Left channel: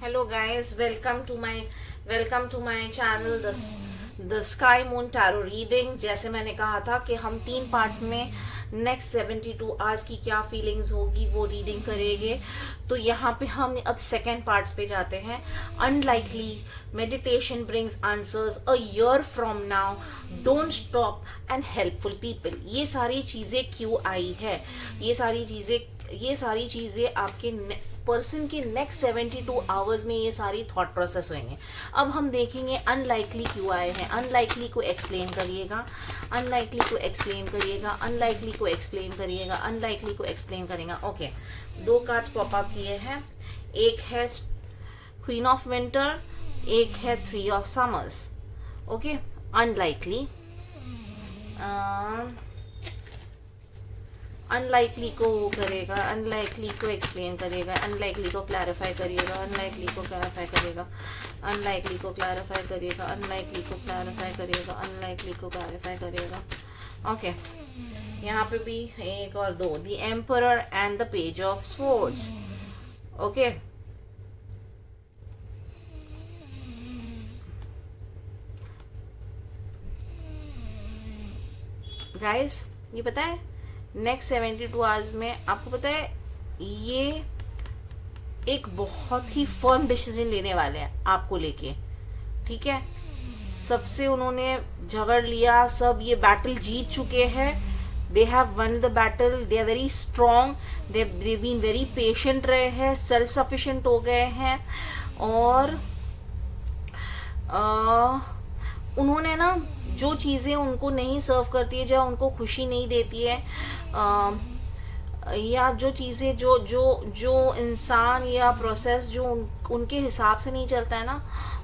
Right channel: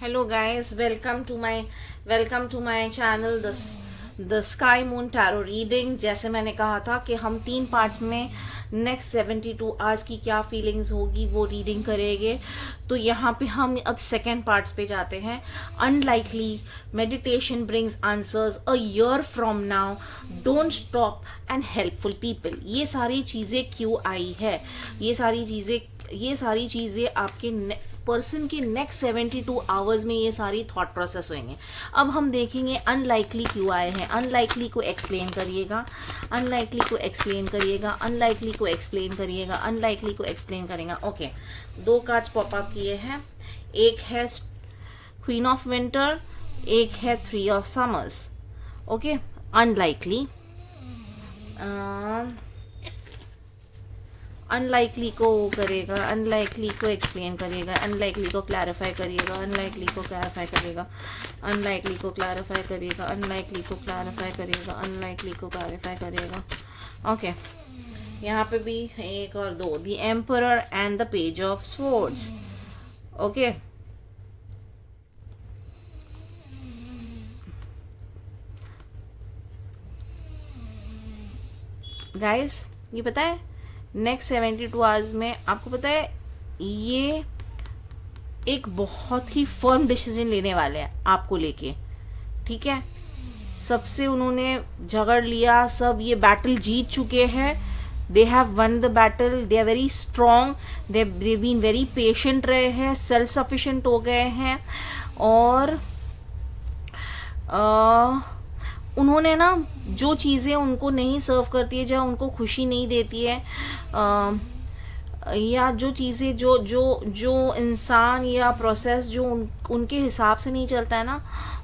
Hello guys, welcome to my channel the sky moon tarot reading. जैसे मैंने कहा था कि हम 3 पार्ट्स में नेक्स्ट 72 आवर्स की क्या फीलिंग्स होगी वो रीडिंग करेंगे। तो यहाँ पे हम अब सेकेंड पार्ट्स पे जाते हैं। Unlikely meditation brings answers a year from now, don't stop and helpful people. ये सारी चीजें क्यों आई है? ये सारी चीजें आपके पर्सन के नेक्स्ट 72 आवर्स में ये सारी थॉट प्रोसेस होंगे। अब हम देखेंगे अनलाइकली क्यों आए हैं। अनलाइकली को एक्सप्लेन करिएगा, अनलाइकली को एक्सप्लेन करिएगा, अनलाइकली को एक्सप्लेन करिएगा, अनलाइकली को एक्सप्लेन करेगा। ओके, 2 कार्ड्स पॉप अप किए हैं। एक है क्वीन ऑफ विंटर, एक है 3 of summers. Okay, unlikely unlikely को वो करेगा, अनलाइकली को एक्सप्लेन करेगा, अनलाइकली को क्लैरिफाई करिएगा, अनलाइकली को क्लैरिफाई करेगा, अनलाइकली को क्लैरिफाई करिएगा, अनलाइकली को क्लैरिफाई करिएगा, अनलाइकली को क्लैरिफाई करिएगा। ओके, यहाँ पे भी 1 और 2, the emperor and the page of swords. Okay, guys ये पता है नेक्स्ट 72 आवर्स में आपको पता है ये एक बहुत ही फर्म डिसीजन लेने वाले हैं आपको लेके। ठीक है, सबसे उन्होंने झगड़ लिया, सब ये बैटल जीत चुके हैं। They have won the battle, they are very strong, they been very patient रहे हैं, सेल्फ सफिशिएंट हो गए हैं। और उन्होंने ना जो चीज़ें उनको नहीं सर्व करती है, जहाँ उनको खुशी नहीं देती है, या जो चीज़ें जो इंसान या प्रोसेस जो उनके हिसाब से नहीं चलता है ना,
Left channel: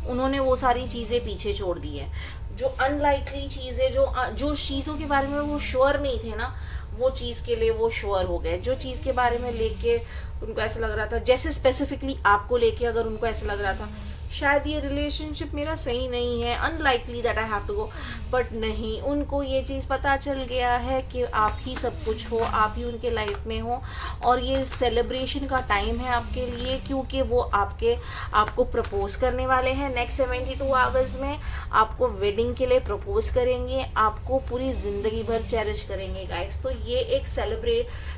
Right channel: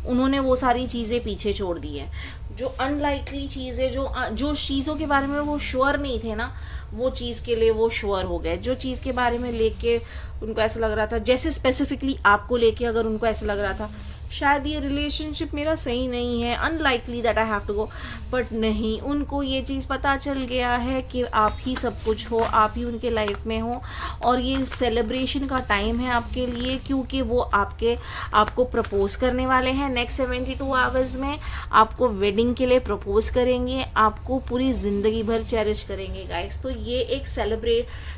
उन्होंने वो सारी चीज़ें पीछे छोड़ दी है। जो अनलाइकली चीज़ें, जो चीज़ों के बारे में वो श्योर नहीं थे ना, वो चीज़ के लिए वो श्योर हो गए। जो चीज़ के बारे में लेके उनको ऐसा लग रहा था, जैसे स्पेसिफिकली आपको लेके अगर उनको ऐसा लग रहा था शायद ये रिलेशनशिप मेरा सही नहीं है, unlikely that I have to go, but नहीं, उनको ये चीज़ पता चल गया है कि आप ही सब कुछ हो, आप ही उनके लाइफ में हो। और ये सेलिब्रेशन का टाइम है आपके लिए, क्योंकि वो आपको प्रपोज करने वाले हैं नेक्स्ट 72 आवर्स में। आपको वेडिंग के लिए प्रपोज करेंगे, आपको पूरी जिंदगी भर चेरिश करेंगे गाइस। तो ये एक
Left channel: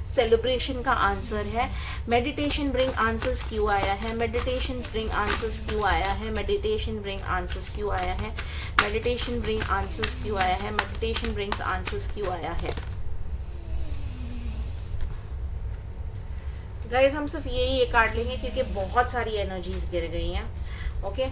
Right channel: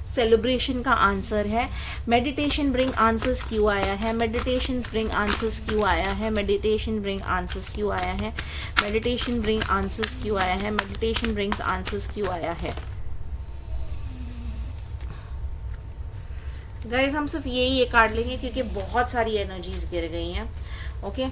सेलिब्रेशन का आंसर है। मेडिटेशन ब्रिंग आंसर्स क्यों आया है? मेडिटेशन ब्रिंग आंसर्स क्यों आया है? मेडिटेशन ब्रिंग आंसर्स क्यों आया है? मेडिटेशन ब्रिंग आंसर्स क्यों आया है? मेडिटेशन ब्रिंग्स आंसर्स क्यों आया है? गाइस हम सिर्फ यही एक कार्ड लेंगे क्योंकि बहुत सारी एनर्जीज गिर गई हैं। ओके,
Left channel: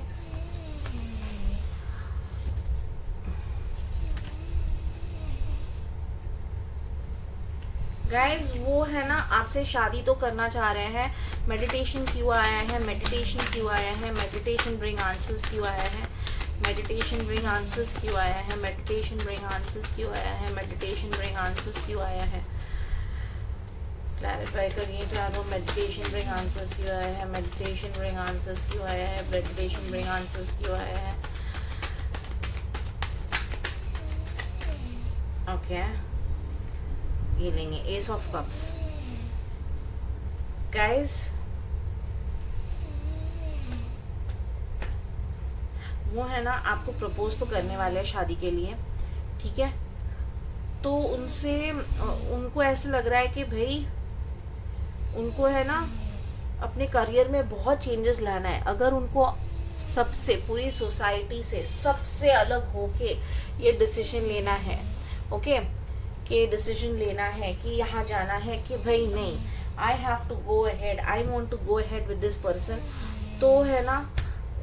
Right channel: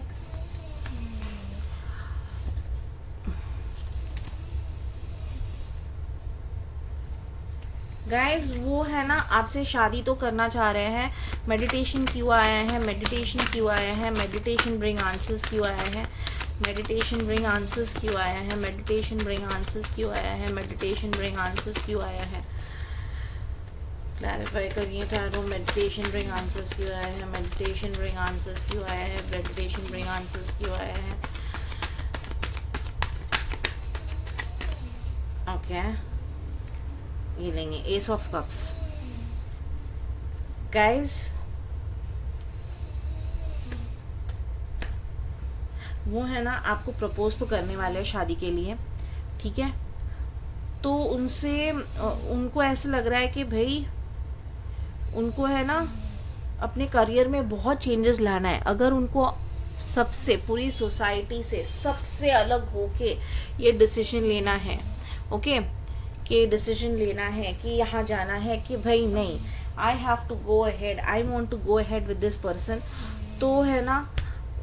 गाइज वो है ना आपसे शादी तो करना चाह रहे हैं। मेडिटेशन क्यों आया है? मेडिटेशन क्यों आया है? मेडिटेशन ब्रिंग आंसर्स क्यों आया है? मेडिटेशन ब्रिंग आंसर्स क्यों आया है? मेडिटेशन ब्रिंग आंसर्स क्यों आया है? मेडिटेशन ब्रिंग आंसर्स क्यों आया है? क्लैरिफाई करिए टैरो, मेडिटेशन ब्रिंग आंसर्स क्यों आया है? मेडिटेशन ब्रिंग आंसर्स क्यों आया है? मेडिटेशन ब्रिंग आंसर्स क्यों आया है? ओके, ये लेंगे एस ऑफ कप्स। गाइस वो है ना आपको प्रपोज तो करने वाले हैं शादी के लिए, ठीक है। तो उनको ऐसे लग रहा है कि भाई उनको है ना अपने करियर में बहुत चेंजेस लाना है। अगर उनको सबसे पूरी सोसाइटी से सबसे अलग होके ये डिसीजन लेना है, ओके, कि डिसीजन लेना है कि यहाँ जाना है कि भाई नहीं, I have to go ahead, I want to go ahead with this person, तो है ना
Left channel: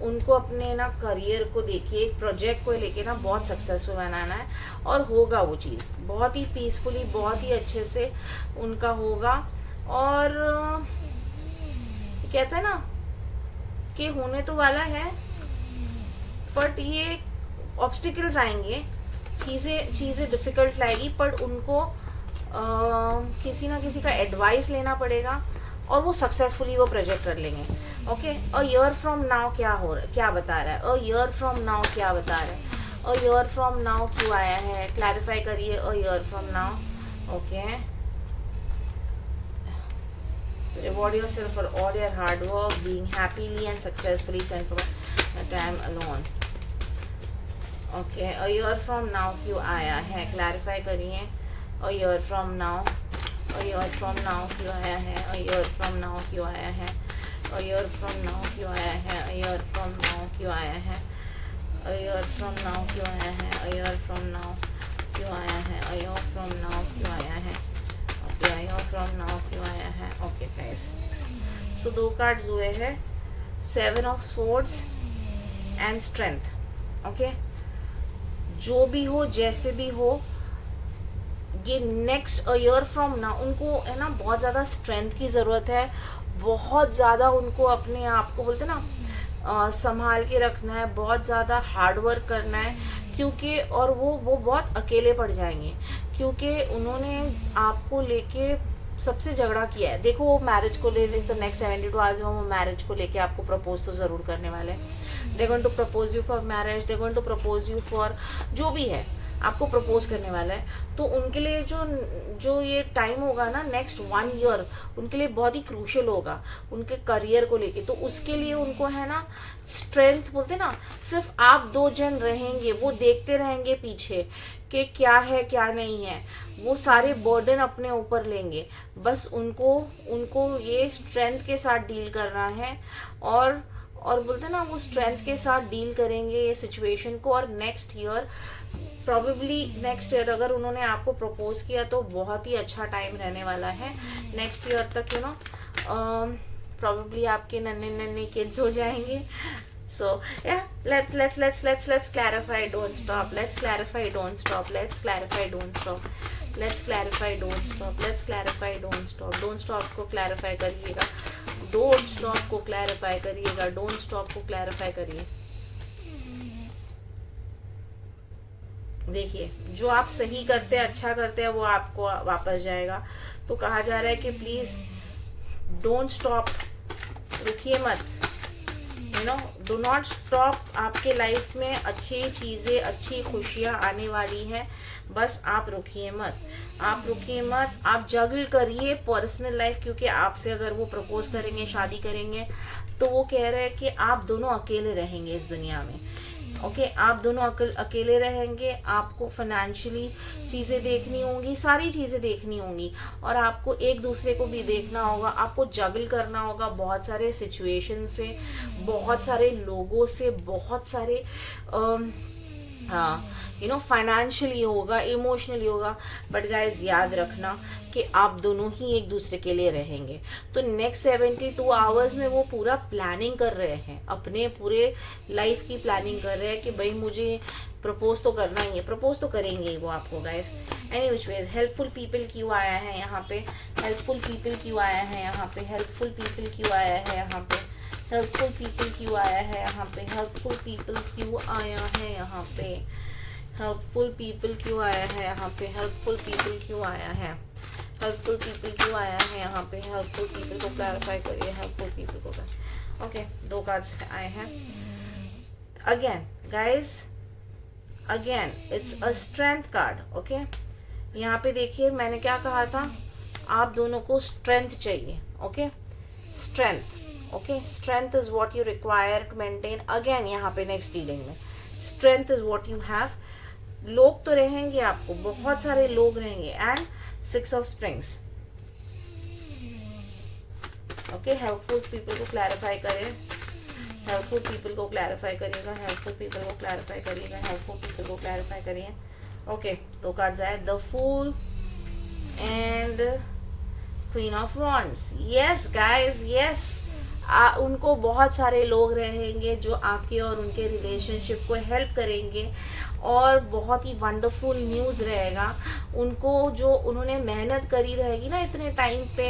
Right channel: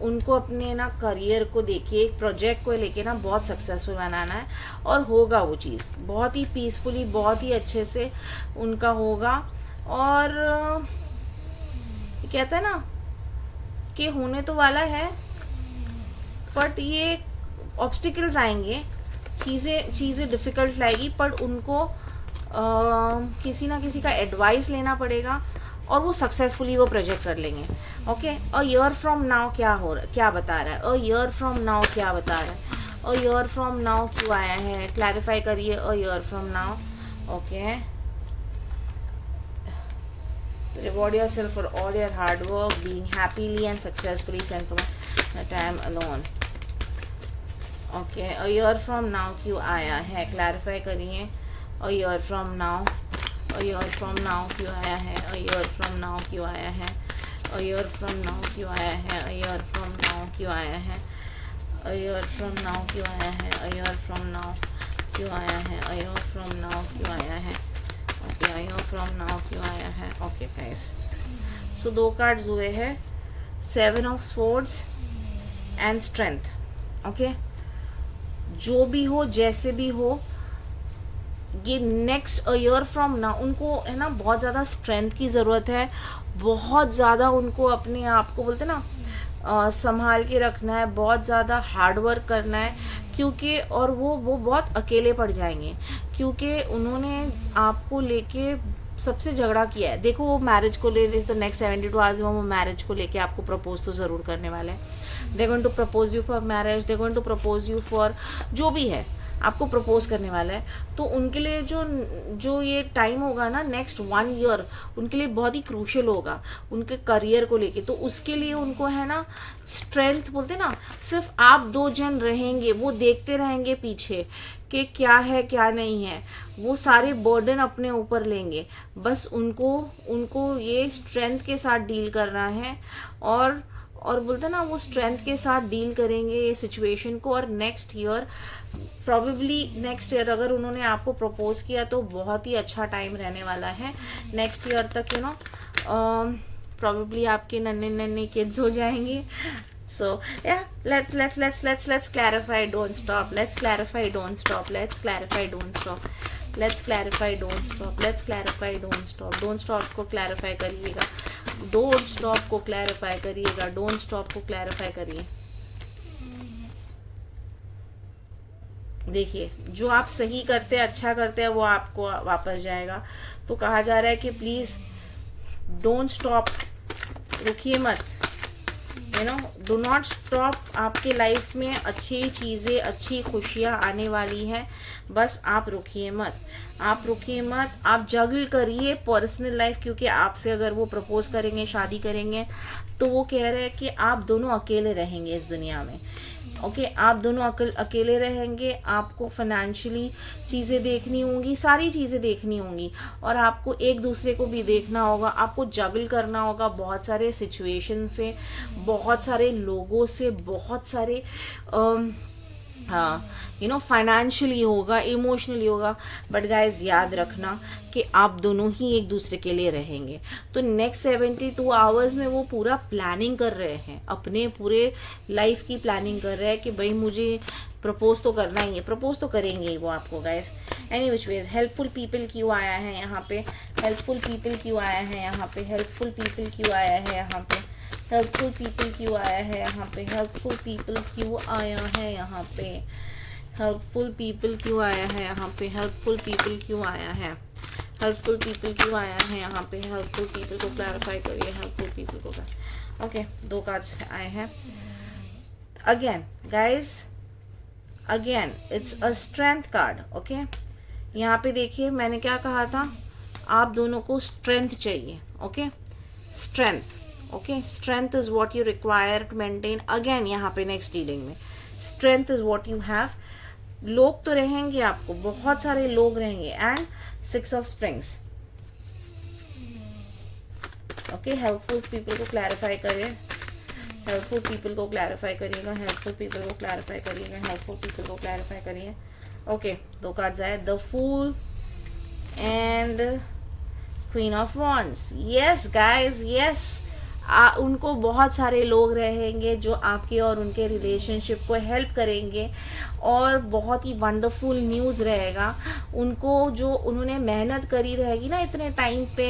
उनको अपने ना करियर को देखिए, एक प्रोजेक्ट को लेके ना बहुत सक्सेसफुल बनाना है। और होगा वो चीज़ बहुत ही पीसफुली, बहुत ही अच्छे से उनका होगा। और कहता है ना कि होने तो वाला है, बट ये ऑब्स्टिकल्स आएंगे, चीज़ें डिफिकल्ट लाएगी, पर उनको किसी ना किसी का एडवाइस लेना पड़ेगा और वो सक्सेसफुली वो प्रोजेक्ट कर लेंगे। Okay, a year from now क्या बता रहा है? अ ईयर फ्रॉम नाउ क्या बता रहा है? अ ईयर फ्रॉम नाउ क्यों आया है? क्लैरिफाई करिए a year from now. Okay, Reward yourself for all your hard work, being happily and successfully sent for the time alone. Okay, a year from now क्यों आया है, clarify करिए. A year from now, a year from now क्यों आया है, a year from now क्यों आया है, a year from now क्यों आया है, a year from now क्यों आया है, a year from now क्यों आया है, a year from now क्यों आया है, a year from now क्यों आया है. Okay, a year from now क्यों आया है. Okay guys, so 2 कार्ड्स हुए हैं, 7 of Swords and Strength. Okay, जो भी हो जैसे भी हो, ये नेक्स्ट अ ईयर फ्रॉम ना उनको है ना बहुत ज़्यादा स्ट्रेंथ की ज़रूरत है. बहुत ज़्यादा उनको अपने आप को बोलते ना संभाल के रखना है, बहुत ज़्यादा हार्ड वर्क करना है, क्योंकि और वो बहुत अकेले पड़ जाएंगे, क्योंकि उन्होंने आपको लेके सबसे झगड़ा किया है. देखो वो मैरिज को ले तो नेक्स्ट 72 आवर्स में वो मैरिज को लेके आपको प्रपोज तो ज़रूर करने वाले हैं. They going to propose you for marriage, they going to propose you for जो भी है आपको प्रपोज करने वाला है. तो उनके लिए जो ये टाइम होगा ना नेक्स्ट 1 ईयर उनके लिए बहुत ही क्रूशियल होगा उनके करियर को लेके. तो उसके लिए उनको है ना स्ट्रेंथ बोलते ना, सिर्फ आप 2 जन रहेंगे, वो देखते रहेंगे पीछे कि क्या है क्या नहीं है, वो सारे बर्डन अपने ऊपर लेंगे. बस उनको ये स्ट्रेंथ के साथ डील करना है, और बोलते ना वो स्ट्रेंथ के साथ डील करेंगे ये सिचुएशन को. और next year probably next year अगर उन्होंने आपको प्रपोज किया तो बहुत ही अच्छा टाइम रहने वाला है नेक्स्ट ईयर तक. यू नो प्रॉबेबली आपके नन्हे किड्स हो जाएंगे. So yeah, let's clarify, don't stop. Let's clarify, don't stop. Let's clarify, don't stop. Let's clarify, don't stop. Let's clarify, don't stop. Don't stop को clarify करिएगा. Don't stop को clarify करिएगा. Don't stop को clarify करिए. देखिए जो आप सही करते हैं, अच्छा करते हैं, वो आपको वापस जाएगा. तो कहा जा रहा है कि प्लीज डोंट स्टॉप, रुकिए मत. You know do not stop. आपके लाइफ में अच्छी चीज़ें, अच्छी खुशियाँ आने वाली है. बस आप रुकिए मत, आप रुकिए मत. आप जगल करिए पर्सनल लाइफ, क्योंकि आपसे अगर वो प्रपोज करेंगे, शादी करेंगे, तो वो कह रहे हैं कि आप दोनों अकेले रहेंगे इस दुनिया में. ओके आप दोनों अकेले रहेंगे. आपको फाइनेंशियली चीज़ें देखनी होंगी, सारी चीज़ें देखनी होंगी, और आपको एक दूसरे को भी देखना होगा. आपको जगल करना होगा बहुत सारे सिचुएशन से, बहुत सारे लोगों से, बहुत सारे फाइनेंशियली होगा, इमोशनली होगा. बट गाइज याद रखना कि आप दोनों ही एक दूसरे के लिए रहेंगे. तो नेक्स्ट 72 आवर्स में वो पूरा प्लानिंग कर रहे हैं, अपने पूरे लाइफ की प्लानिंग कर रहे हैं कि भाई मुझे प्रपोज तो करना ही है. प्रपोज तो करेंगे ही वो आपको guys. Any which ways helpful people क्यों आया है यहाँ पे, हेल्पफुल पीपल क्यों आया है यहाँ पे, हेल्पफुल पीपल क्यों आया है यहाँ पे, हेल्पफुल पीपल क्यों आया है यहाँ पे, हेल्पफुल पीपल क्यों आया है यहाँ पे, हेल्पफुल पीपल क्यों आया है यहाँ पे, हेल्पफुल पीपल क्यों आया है, हेल्पफुल पीपल क्यों आया है यहाँ पे. हेल्पफुल पीपल को क्लैरिफाई करिए, हेल्पफुल पीपल को. ओके 2 कार्ड्स आए हैं. Again guys, again it's a strength card. Okay यहाँ पे देखिए मैंने क्या कहा था, आप दोनों को स्ट्रेंथ चाहिए. Okay strength. Okay strength is what you require to maintain. Again यहाँ पे नेक्स्ट डीलिंग में strength is what you have. लोग तो रहेंगे आपको, बहुत सारे लोग रहेंगे. And 6 of springs. Okay helpful people को क्लैरिफाई करिए, हेल्पफुल पीपल को क्लैरिफाई करिएगा, हेल्पफुल पीपल को क्लैरिफाई करिएगा, हेल्पफुल पीपल को क्लैरिफाई करिए. ओके 2 कार्ड्स आए, the fool and queen of wands. Yes guys yes, उनको बहुत सारे लोग रहेंगे जो आपके और उनके रिलेशनशिप को हेल्प करेंगे, और बहुत ही वंडरफुल न्यूज़ रहेगा उनको. जो उन्होंने मेहनत करी रहेगी ना इतने टाइम पे,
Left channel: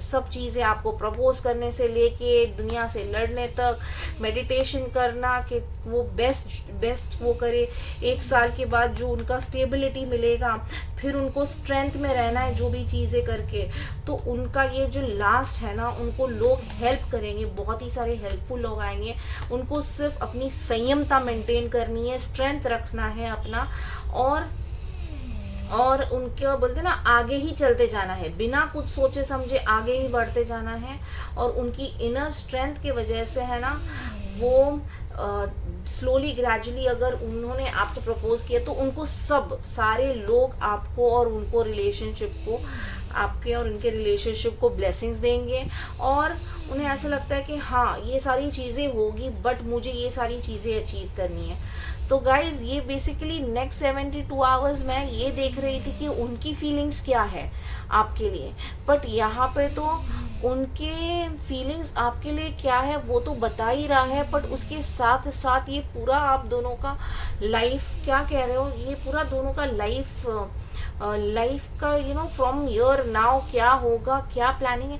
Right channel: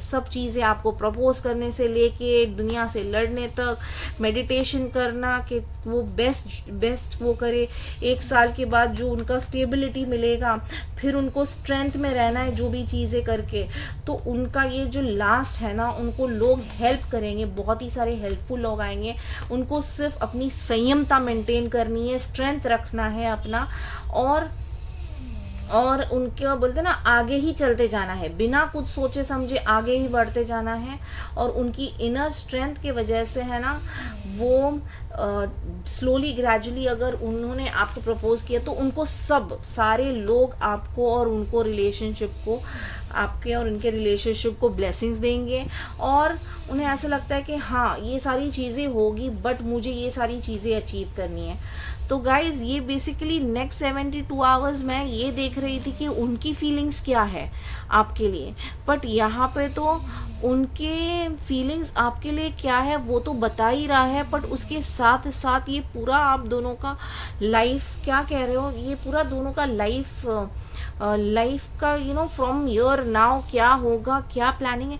सब चीज़ें आपको प्रपोज करने से लेके दुनिया से लड़ने तक, मेडिटेशन करना कि वो बेस्ट वो करे. 1 साल के बाद जो उनका स्टेबिलिटी मिलेगा, फिर उनको स्ट्रेंथ में रहना है जो भी चीज़ें करके. तो उनका ये जो लास्ट है ना, उनको लोग हेल्प करेंगे, बहुत ही सारे हेल्पफुल लोग आएंगे. उनको सिर्फ अपनी संयमता मेंटेन करनी है, स्ट्रेंथ रखना है अपना, और उनके बोलते हैं ना आगे ही चलते जाना है, बिना कुछ सोचे समझे आगे ही बढ़ते जाना है। और उनकी इनर स्ट्रेंथ की वजह से है ना, वो स्लोली ग्रेजुअली अगर उन्होंने आपको प्रपोज किया तो उनको सब सारे लोग आपको और उनको रिलेशनशिप को, आपके और उनके रिलेशनशिप को ब्लेसिंग्स देंगे। और उन्हें ऐसा लगता है कि हाँ ये सारी चीज़ें होगी, बट मुझे ये सारी चीज़ें अचीव करनी है। तो गाइज ये बेसिकली नेक्स्ट 72 आवर्स मैं ये देख रही थी कि उनकी फीलिंग्स क्या है आपके लिए, बट यहाँ पे तो उनके फीलिंग्स आपके लिए क्या है वो तो बता ही रहा है, बट उसके साथ साथ ये पूरा आप दोनों का लाइफ, क्या कह रहे हो, ये पूरा दोनों का लाइफ का फ्रॉम ईयर नाउ क्या होगा, क्या प्लानिंग है।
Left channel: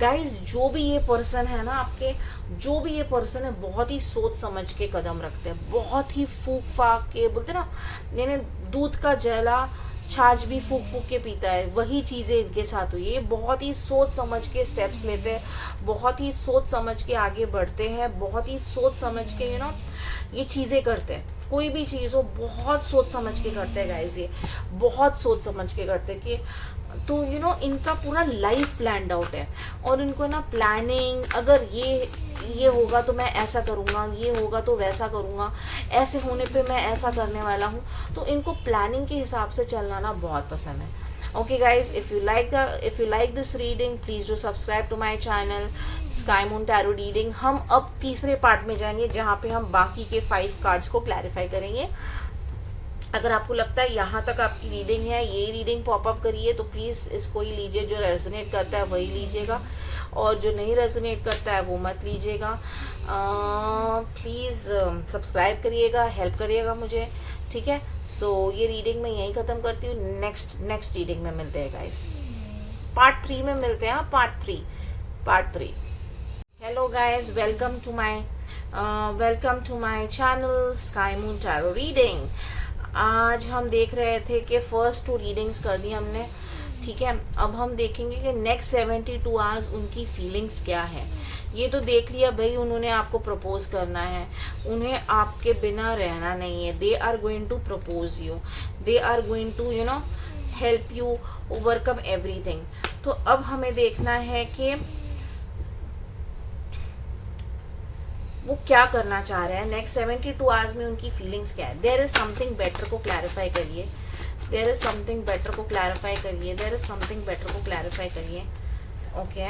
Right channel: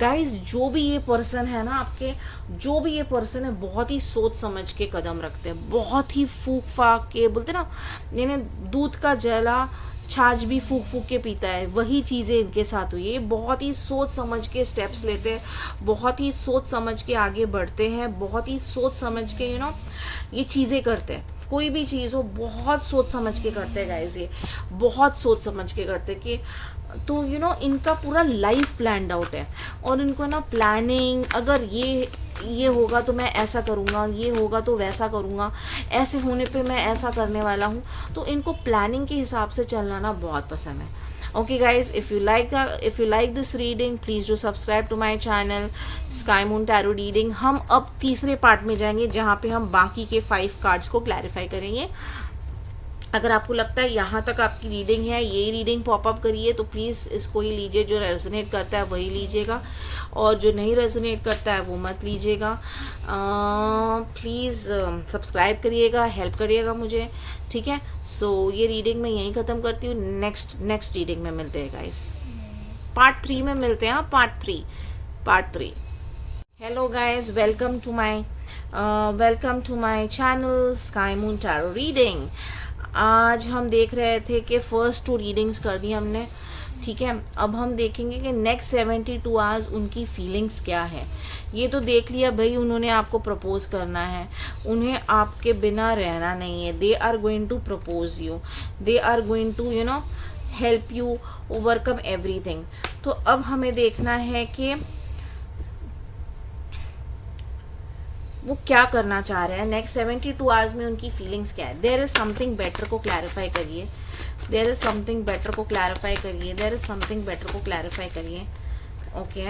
गाइज जो भी ये पर्सन है ना आपके, जो भी ये पर्सन है बहुत ही सोच समझ के कदम रखते हैं, बहुत ही फूक फाक के, बोलते ना यानी दूध का जला छाछ भी फूक फूक के पीता है, वही चीजें इनके साथ हुई है। बहुत ही सोच समझ के स्टेप्स लेते हैं, बहुत ही सोच समझ के आगे बढ़ते हैं, बहुत ही सोच समझ के ये चीजें करते हैं। कोई भी चीज हो बहुत सोच समझ के करते हैं गाइस, ये बहुत सोच समझ के करते हैं कि तो इनका पूरा लाइफ प्लान्ड आउट है। और इनको ना प्लानिंग, अगर ये होगा तो मैं ऐसा करूँगा, ये होगा तो वैसा करूँगा, ऐसे होने पे मैं ऐसा करने वाला हूँ। तो इनको प्लानिंग के हिसाब से चलना ना बहुत पसंद है। Okay guys, if you like this reading, please do subscribe to my channel Sky Moon Tarot Reading। हम अब तीसरे पार्ट में जाएंगे जहाँ पे हम बाकी के 5 कार्ड्स को क्लैरिफाई करेंगे। अगर आपको लगता है यहाँ तक आपकी रीडिंग है, यही रीडिंग पॉपअप करिए, तो प्लीज़ इसको ही लीजिए, जो रेजोनेट करता है वही लीजिएगा, और जो नहीं रेजोनेट करता है वो मत लीजिएगा। प्लीज़ सब्सक्राइब करिएगा, हेल्प करिएगा मुझे, ठीक है। सो ये रीडिंग मैं यहीं ख़त्म करती हूँ। नेक्स्ट रीडिंग में मिलते हैं गाइस, पार्ट 3 में मिलते हैं। Part 3। Hello guys, welcome to my channel sky moon tarot reading. आज हम देख रहे थे कि फर्स्ट 2 रीडिंग्स कर दी हमने, ठीक है। अब हम देखेंगे कि नेक्स्ट 72 आवर्स उनकी फीलिंग्स क्या है। ये तो देख लिया भाई, उन्होंने आपको प्रपोज करना है, उन्हें आपके बिना रहना नहीं है। They are going to propose you, they are going to help you overcome everything. तो अब हमें देखना है कि वो क्या करना चाह रहे हैं नेक्स्ट 72 आवर्स में, उनकी फीलिंग्स क्या है। देयर इज समथिंग बेटर को क्लैरिफाई करिए, देयर इज समथिंग बेटर को क्लैरिफाई करिए, देयर इज समथिंग बेटर को क्लैरिफाई करिए। ओके,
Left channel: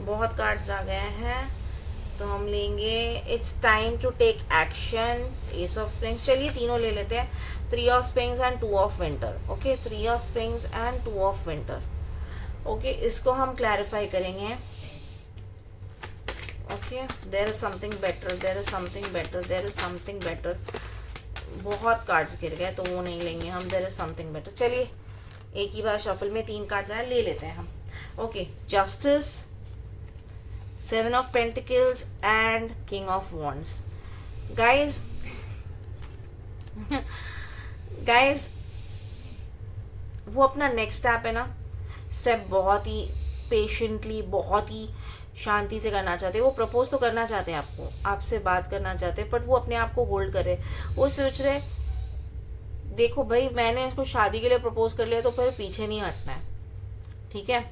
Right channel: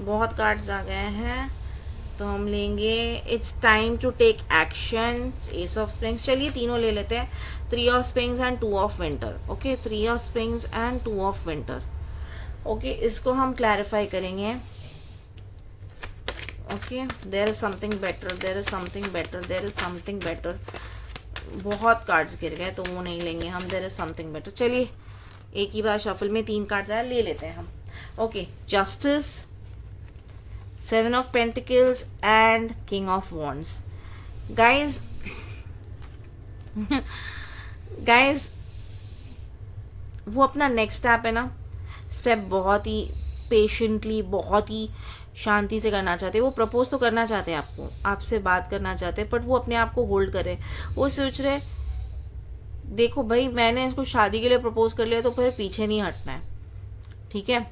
बहुत कार्ड्स आ गए हैं तो हम लेंगे it's time to take action, ace of springs. चलिए तीनों ले लेते हैं, 3 of springs and 2 of winter. Okay, 3 of springs and 2 of winter. Okay, इसको हम क्लैरिफाई करेंगे। Okay, there is something better, there is something better, there is something better. बहुत cards गिर गए तो वो नहीं लेंगे हम, देयर इज समथिंग बेटर। चलिए एक ही बार शफल में 3 कार्ड्स आए, ले लेते हैं हम। Okay, justice, 7 of pentacles and king of wands. Guys वो अपना नेक्स्ट स्टेप है ना, स्टेप बहुत ही पेशेंटली, बहुत ही शांति से करना चाहते हैं। वो प्रपोज तो करना चाहते हैं आपको, आपसे बात करना चाहते हैं, बट वो अपने आप को होल्ड करे। वो सोच रहे देखो भाई, मैंने इसको शादी के लिए प्रपोज कर लिया तो फिर पीछे नहीं हटना है, ठीक है,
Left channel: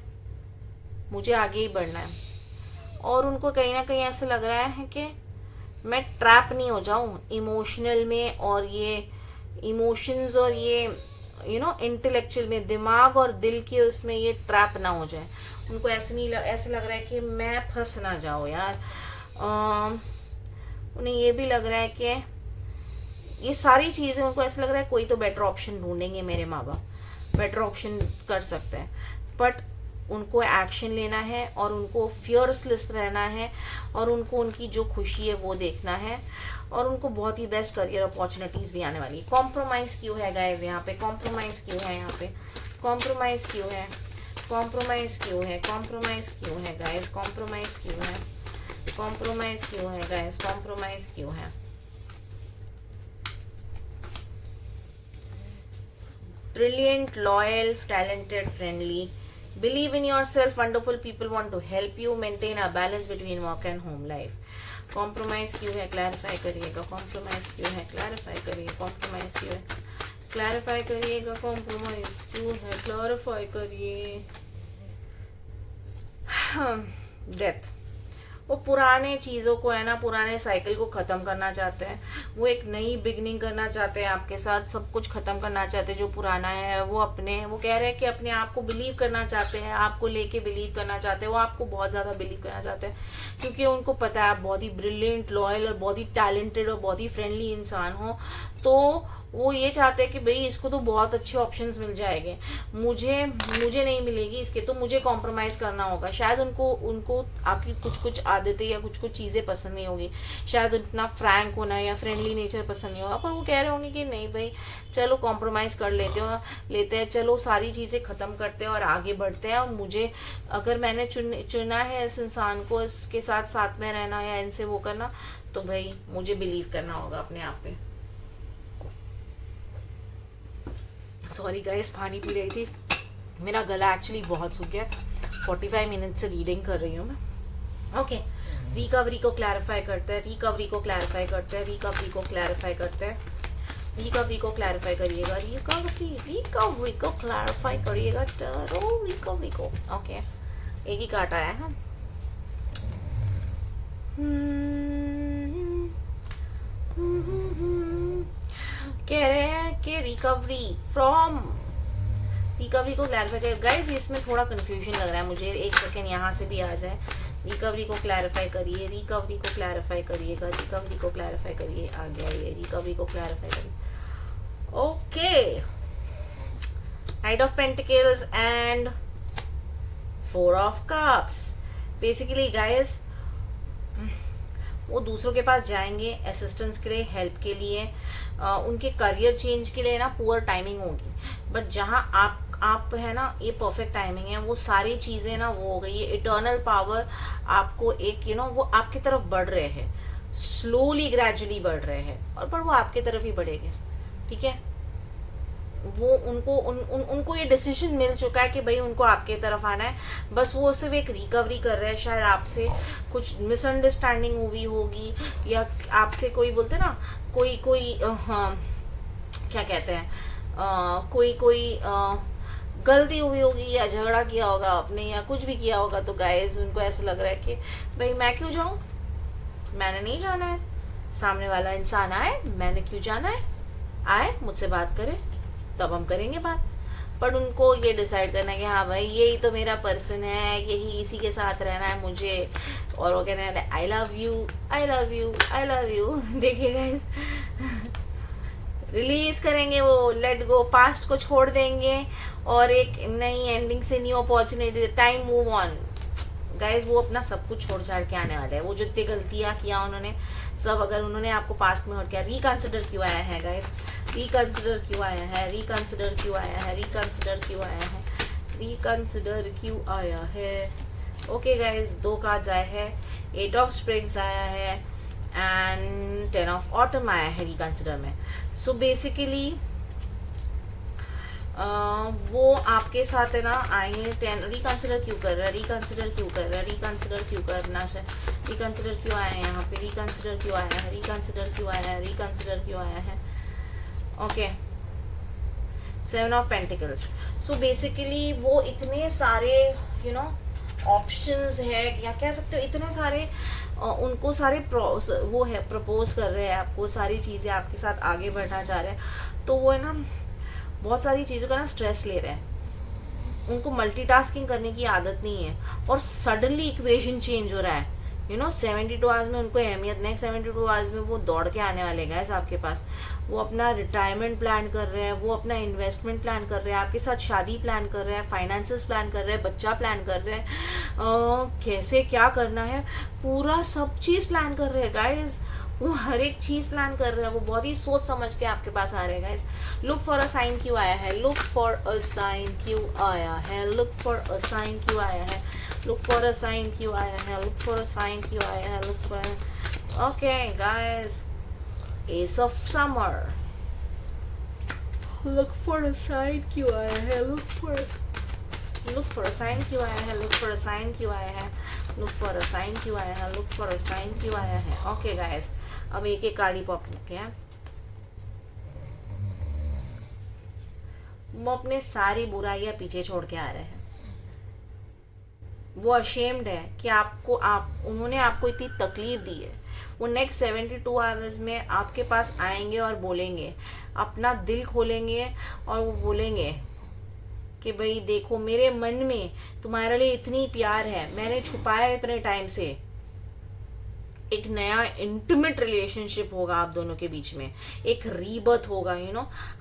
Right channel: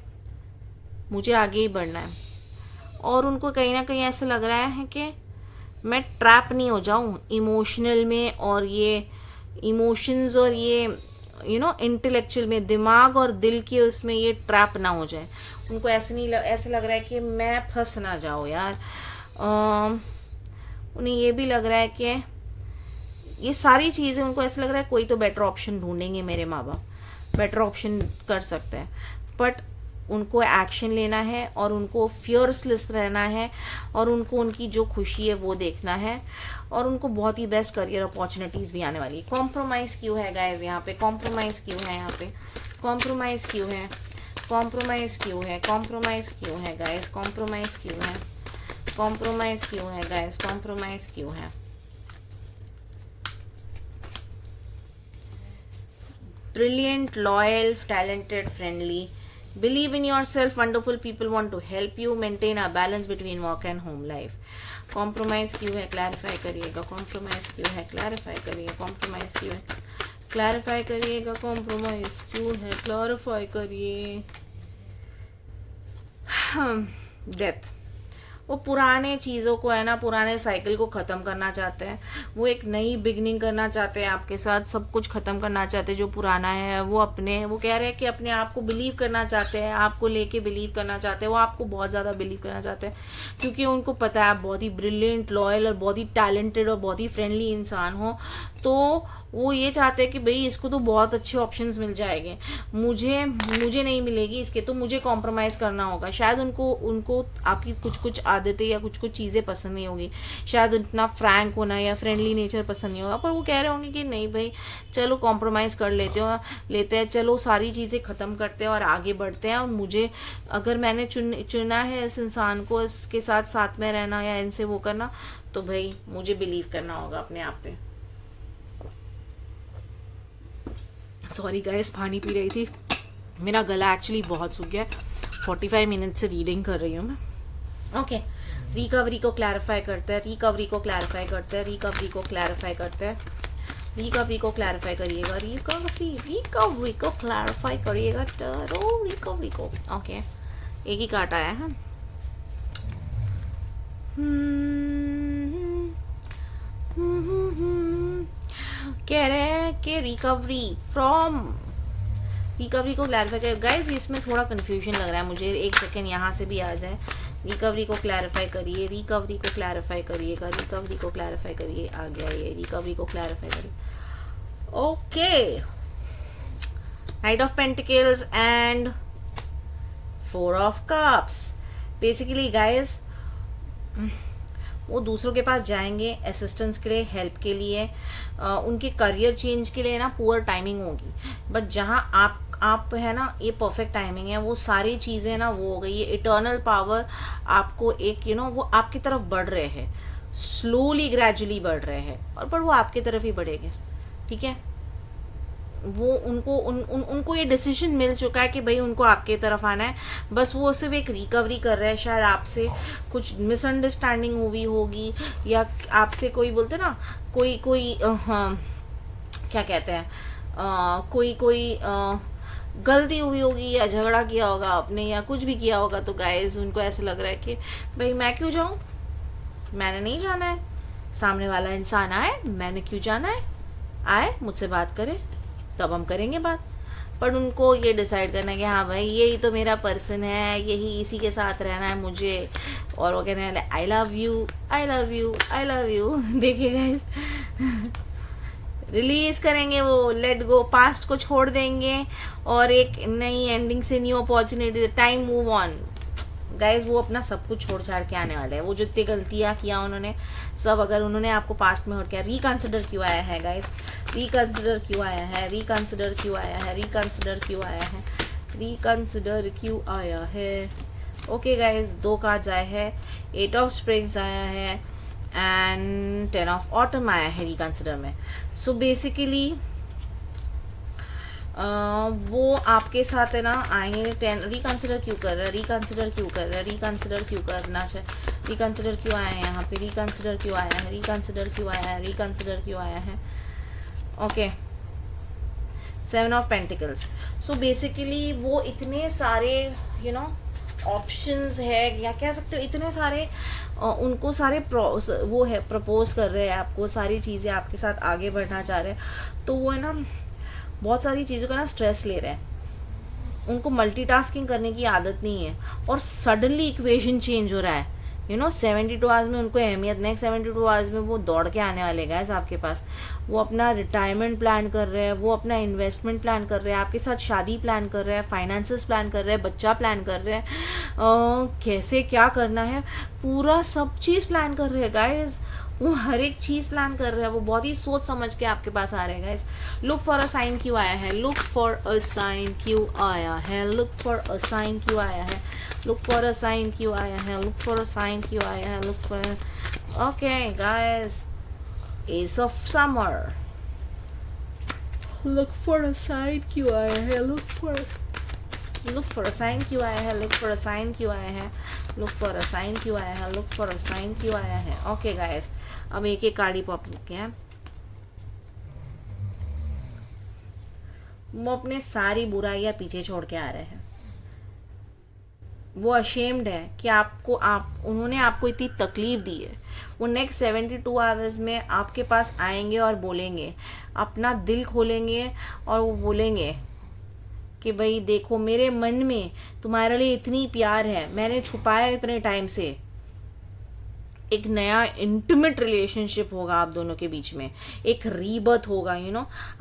मुझे आगे ही बढ़ना है। और उनको कहीं ना कहीं ऐसा लग रहा है कि मैं ट्रैप नहीं हो जाऊं इमोशनल में, और ये इमोशंस और ये इंटेलेक्चुअल में, दिमाग और दिल के उसमें ये ट्रैप ना हो जाए। उनको ऐसे लग रहा है कि मैं फंस ना जाऊं यार। उन्हें ये भी लग रहा है कि ये सारी चीज़ें, उनको ऐसा लग रहा है कोई तो बेटर ऑप्शन ढूंढेंगे, मेरे माँ बाप बेटर ऑप्शन कर सकते हैं, बट उनको एक्शन लेना है और उनको फियर्सलेस रहना है, और उनको उनकी जो खुशी है वो देखना है, और उनको बहुत ही बेस्ट करियर अपॉर्चुनिटीज भी आने वाली है। कॉम्प्रोमाइज क्यों है गाइस यहाँ पे, कॉम्प्रोमाइज क्यों है यहाँ पे, कॉम्प्रोमाइज क्यों है, कॉम्प्रोमाइज क्यों है, कॉम्प्रोमाइज क्यों है गाइस, कॉम्प्रोमाइज क्यों है, कॉम्प्रोमाइज क्यों है गाइस, कॉम्प्रोमाइज क्यों है। Brilliant, loyal, talented, friendly, believe in yourself, wonderful people want to help you, maintain a balance between work and home life। Compromise क्यों है, क्लैरिफाई करिएगा, कॉम्प्रोमाइज क्यों है, क्लैरिफाई करिए, कॉम्प्रोमाइज क्यों है, क्लैरिफाई करिएगा, कॉम्प्रोमाइज क्यों है, क्लैरिफाई करिए। डेथ, वो पुराने चीज़ों को है ना, पुराने साइकिल को ख़त्म करना चाहते हैं, वो एक नई बिगनिंग करना चाहते हैं आपके साथ, सब कुछ ख़त्म करना चाहते हैं जो पुराना है। वो कह रहे हैं कि अपने आप को बिलीव करना चाहते हैं, आपको लेके बिलीव करना चाहते हैं, वो आपको बहुत ज़्यादा बिलीव करना चाहते हैं, क्योंकि उनको पता है आप बहुत ही ब्रिलियंट, लॉयल और बहुत ही टैलेंटेड और बहुत ही फ्रेंडली इंसान हो। तो वो ये चाहते हैं कि भाई इसको तो बहुत अच्छे ऑप्शंस मिल जाएंगे, मुझे नहीं मिलेगी इसके, तो मुझे कॉम्प्रोमाइज़ करना होगा। शायद उनको आपकी कुछ आदतें या कुछ चीज़ें पसंद नहीं होगी, शायद उतना फ्रैंक होना या फ्रेंडली नेचर पसंद नहीं होगा, पर वो कह रहे होंगे कि नहीं भाई चलो कॉम्प्रोमाइज़ कर लेते हैं, चलो सारी चीज़ें ख़त्म करते हैं और आगे बढ़ते हैं। और मुझे अगर मैंने चुना है इस इंसान को, इसके साथ में रहना या इनसे वो करना, तो भाई मुझे बिलीव करना होगा अपने आप पे। सॉरी गाइस, पानी पी रही थी, मेरा गला एक्चुअली बहुत सूख गया। 45 मिनट से रीडिंग कर रही हूँ मैं। ओके, रिकवरी को क्लैरिफाई करते हैं, रिकवरी को क्लैरिफाई करते हैं, रिकवरी को क्लैरिफाई करते हैं, रिकवरी को क्लैरिफाई करिएगा, रिकवरी को क्लैरिफाई करिएगा, रिकवरी को। ओके, एक ही कार्ड आया है। कह रहे हैं कि रिकवरी को क्लैरिफाई कर। गाइस इसमें थोड़ा कंफ्यूजन लग रहा है मुझे, एक सेकेंड यहाँ से भी आ जाए। रिकवरी को क्लैरिफाई करिए, रिकवरी को क्लैरिफाई करिएगा, रिकवरी को क्लैरिफाई करिए। आ गया ये, रिकवरी को क्लैरिफाई करिए। Okay, night of pentacles and 4 of cups. Basically guys वो दूसरों के पास जाएंगे असिस्टेंस के लिए, हेल्प के लिए, उनके करियर चेंज के लिए ना पुअर टाइमिंग होगी, बट जहाँ आप है ना, ये परफेक्ट टाइमिंग है। वो सारी चीज़ें ना वो हो गई, ये इटर्नल पावर आपको एक वो आपकी तरफ बढ़ रहे हैं, स्लोली ग्रेजुअली बढ़ रहे हैं, और पर वो आपकी तरफ ही बढ़ेंगे, ठीक है। वो उनको ये डिसीजन मिल चुका है कि भाई उनको आपके तरफ आना है, बस वो सिर्फ एक रिकवरी कर रहे हैं। शायद आपसे कुछ मिसअंडरस्टैंडिंग हुई होगी, या आपसे कोई बोलते ना कोई क्या कहते हैं, कोई गलती हुई होगी या झगड़ा किया होगा आपने या कुछ भी किया होगा, तो गाइस उनको ऐसे लग रहा है कि भाई मैं क्यों जाऊं, मैंने नहीं जाना है, सामने वाला इंसान आए, मैंने क्यों जाना है, आए मुझसे बात करे तब हम करेंगे बात। पर उनको ये डिसाइड करना है कि हाँ भाई यही तो मेरा पर्सन है, यही इसी के साथ रहना है मुझे, और वो कहने वाले I love you, I love you, I love you. देखिए गाइस, रिलीज करेंगे वो, लेट गो, पास्ट को छोड़ देंगे और एक नई एंडिंग से new opportunity, time move on. Guys वो अपना सब कुछ छोड़ छाड़ के आने वाले हैं। वो जितनी गलतियां किया उन्होंने सब, अगर उन्होंने आपको पास्ट में हट किया, रिकंसिडर क्यों आया है गाइज, रिकंसिडर क्यों आया है, रिकंसिडर क्यों आया है, रिकंसिडर क्यों आया है, रिकंसिडर क्यों आया है। ओके गाइज, 2 कार्ड्स आए हैं, 8 ऑफ स्प्रिंग्स आया है एंड 10 ऑफ ऑटम आया है रिकंसिडर में। सो बेसिकली वो आपके साथ है ना आएंगे। 10 रिकंसिडर क्यों कर रहा है, रिकंसिडर क्यों कर रहा है, रिकंसिडर क्यों करना चाहिए, रिकंसिडर क्यों आया है यहाँ पे, रिकंसिडर क्यों आया है, रिकंसिडर क्यों आया है, रिकंसिडर क्यों आया है। Okay, 7 of pentacles. So basically वो इतने सारे ऑप्शंस है, या कह सकते हो इतने सारे उनको सारे वो है प्रपोज कर रहे हैं आपको, सारी चीज़ें आपके साथ आगे बढ़ना चाह रहे हैं। तो वो है ना बहुत सारी चीज़ों का ना स्ट्रेस ले रहे हैं, उनको मल्टीटास्किंग करने की आदत नहीं है, और सडनली इक्वेशन चेंज हो रहा है। 72 आवर्स में उनको अहमियत नहीं, 72 आवर्स में वो दौड़ के आने वाले गाइस आपके पास। वो अपना रिटायरमेंट प्लान कर रहे हैं, वो अपना इन्वेस्टमेंट प्लान कर रहे हैं, आपके साथ शादी प्लान कर रहे हैं, फाइनेंसेस प्लान कर रहे हैं, बच्चा प्लान कर रहे हैं, कैसे क्या करना है पूरा सब चीज़ प्लान कर रहे हैं गाइस। वो हर एक चीज़ प्लान कर रहे हैं, वो बहुत ही सोच समझ के आपके पास आ रहे हैं guys. Look for a sign क्यों आया है, लुक फॉर अ साइन क्यों आया है, लुक फॉर अ साइन क्यों आया है, लुक फॉर अ साइन क्यों आया है, लुक फॉर अ साइन क्यों आया है, look for. Okay guys, ace of summer, look for a sign क्यों आया है, लुक फॉर अ साइन क्यों आया है, लुक फॉर अ साइन क्यों आया है, लुक फॉर अ साइन क्यों आया है, लुक फॉर अ साइन क्यों आया है। ओके गाइस, अब एक एक कार्ड ही पॉप किया है। वो अपने सारी बुराइयां पीछे छोड़ के आ रहे हैं। वो अशेम्ड है कि आपको आप उन्होंने आपको इतनी तकलीफ दी है। वो नेक्स्ट 72 आवर्स में आपके पास आएंगे और बोलेंगे, अपना दिल खोलेंगे और वो बोलेंगे कि भाई देखो, मेरे मन में तुम्हारे लिए इतनी प्यार है, मैंने छुपाया इतने टाइम से। एक नया इंटीमेट रिलेशनशिप होगा आप दोनों के बीच में, एक रीबर्थ होगा,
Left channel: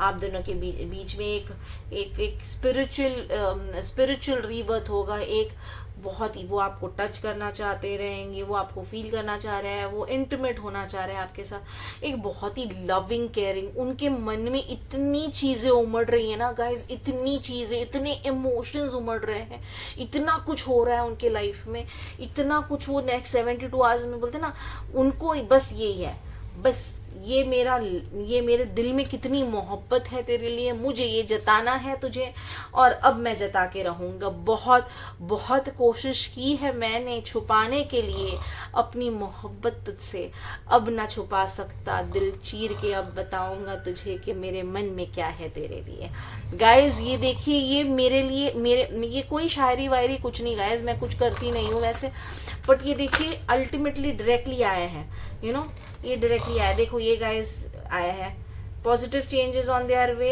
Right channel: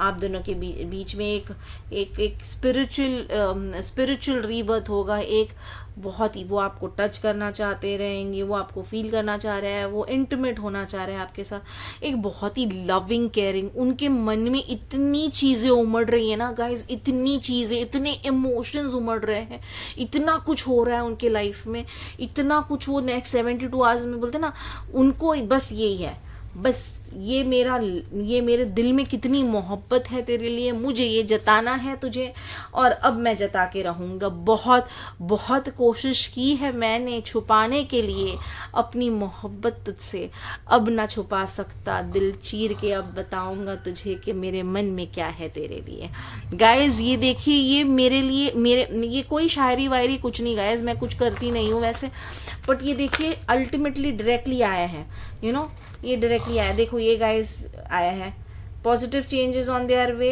आप दोनों के बीच में एक एक एक स्पिरिचुअल रीबर्थ होगा। एक बहुत ही, वो आपको टच करना चाहते रहेंगे, वो आपको फील करना चाह रहा है, वो इंटीमेट होना चाह रहा है आपके साथ, एक बहुत ही लविंग केयरिंग। उनके मन में इतनी चीजें उमड़ रही है ना गाइस, इतनी चीजें, इतने इमोशंस उमड़ रहे हैं, इतना कुछ हो रहा है उनके लाइफ में, इतना कुछ। वो नेक्स्ट 72 आवर्स में बोलते ना, उनको बस यही है, बस ये मेरे दिल में कितनी मोहब्बत है तेरे लिए, मुझे ये जताना है तुझे, और अब मैं जता के रहूंगा। बहुत बहुत कोशिश की है मैंने छुपाने के लिए अपनी मोहब्बत तुझसे, अब ना छुपा सकता, दिल चीर के अब बताऊंगा तुझे कि मेरे मन में क्या है तेरे लिए। गाइज ये देखिए, ये मेरे लिए ये कोई शायरी वायरी कुछ नहीं गाइज, मैं कुछ करती नहीं हूँ वैसे, बट ये देखिए अल्टीमेटली डायरेक्टली आया है, ये डायरेक्टली आया। देखो ये गाइस आया है, positive changes on their way,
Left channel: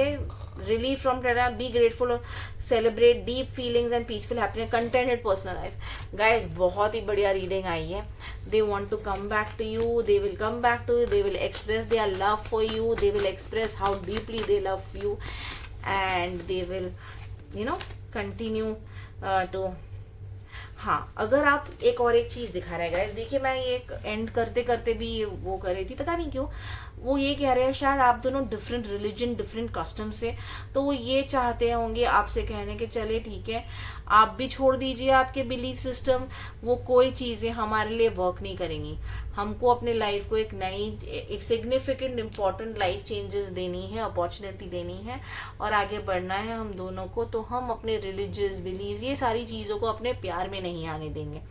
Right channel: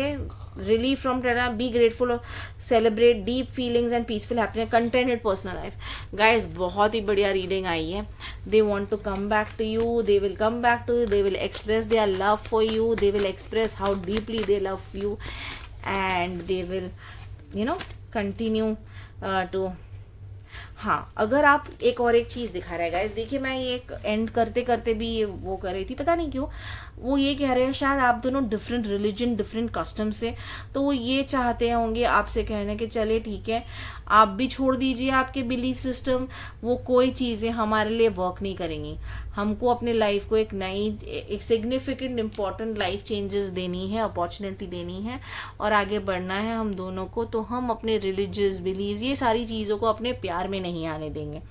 relief from tension, be grateful और celebrate deep feelings and peaceful happiness, contented personal life. Guys बहुत ही बढ़िया रीडिंग आई है। They want to come back to you, they will come back to you, they will express their love for you, they will express how deeply they love you, and they will continue to. हाँ, अगर आप एक चीज दिखा रहे guys, देखिए मैं ये एंड करते करते भी ये वो कर रही थी, पता नहीं क्यों वो ये कह रहे हैं, शायद आप दोनों डिफरेंट रिलीजन, डिफरेंट कस्टम से, तो वो ये चाहते होंगे आपसे कहने के चले ठीक है, आप भी छोड़ दीजिए आपके बिलीफ सिस्टम, वो कोई चीजें हमारे लिए वर्क नहीं करेंगी, हमको अपने लाइफ को एक नई, एक सिग्निफिकेंट इंपॉर्टेंट लाइफ चेंजेस देनी है, अपॉर्चुनिटी देनी है और आगे बढ़ना है हम दोनों को। तो हम अपने रिलीजियस बिलीव, ये सारी चीजों को अपने प्यार में नहीं आने देंगे।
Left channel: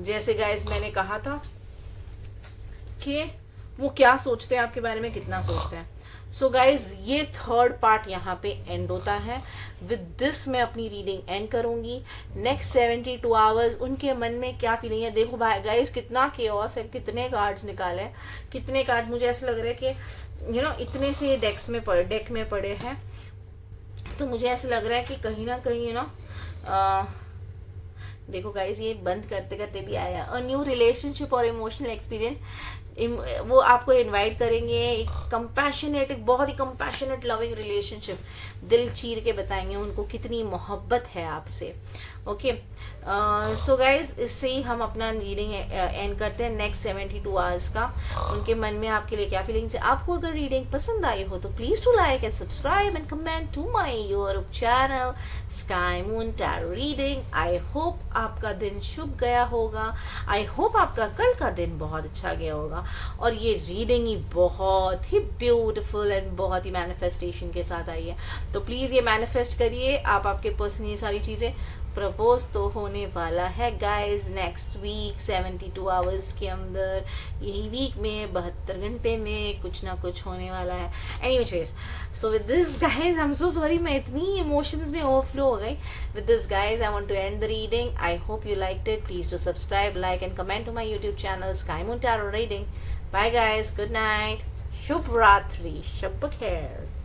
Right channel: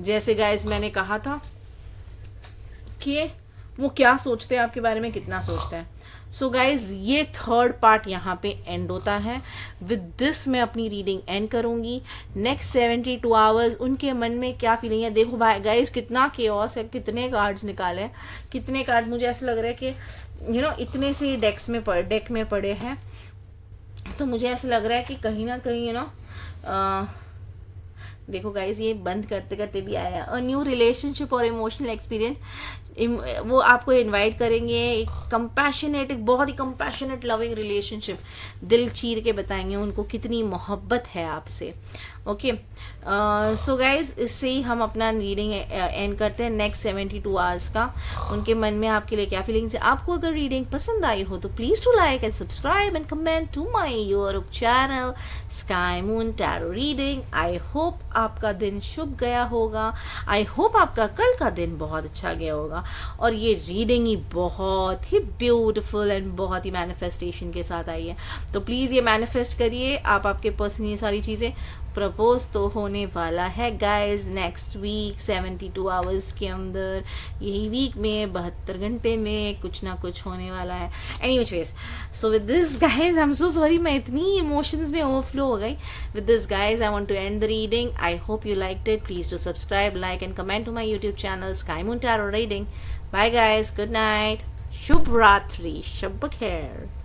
जैसे गाइस मैंने कहा था कि वो क्या सोचते हैं आपके बारे में, कितना सोचते हैं। सो गाइज ये थर्ड पार्ट यहाँ पे एंड होता है। विद दिस मैं अपनी रीडिंग एंड करूंगी। नेक्स्ट 72 आवर्स उनके मन में क्या फीलिंग है। देखो भाई गाइज कितना केओस है, कितने कार्ड्स निकाले हैं, कितने कार्ड्स, मुझे ऐसा लग रहा है कि इतने से डेक में पड़े हैं, तो मुझे ऐसा लग रहा है कि कहीं ना कहीं देखो गाइज ये बंद करते करते भी आया, अ न्यू रिलेशनशिप और इमोशनल एक्सपीरियंस, वो आपको इनवाइट करेंगे एक कंपैशनेट, एक बहुत ही कंपैशनेट लविंग रिलेशनशिप, दिल चीर के बताएंगे उनको कितनी मोहब्बत है आपसे। ओके, सो गाइज इससे ही हम अपना रीडिंग एंड करते हैं नेक्स्ट 72 आवर्स का। उनके मन में आपके लिए क्या फीलिंग्स है। आपको अगर रीडिंग पसंद आई हो तो please to like and subscribe and comment to my YouTube channel sky moon tarot reading. I hope आपका दिन शुभ गया होगा, आई होप आपका कल का दिन बहुत अच्छा गया होगा, और ये रीडिंग ही बहुत ही ब्यूटीफुल एंड बहुत ही मैनिफेस्टेशन के साथ आई है। तो प्लीज ये मैनिफेस्ट करिए, आप आपके पर्सन ये सारी चीजें, प्रपोज तो होने वाला है गाइज नेक्स्ट वीक 72 आवर्स के अंदर, यही वीक में 72 घंटे में कुछ ना कुछ होने वाला है। Anyways, so with this guys I am so sorry, मैं इतनी इमोशंस में ओवरफ्लो हो गई। With this guys I want to end the reading. I hope you liked it. Please to subscribe, like and comment to my YouTube channel sky moon tarot Reading. Bye guys, good night, शुभ रात्रि, शब बखैर।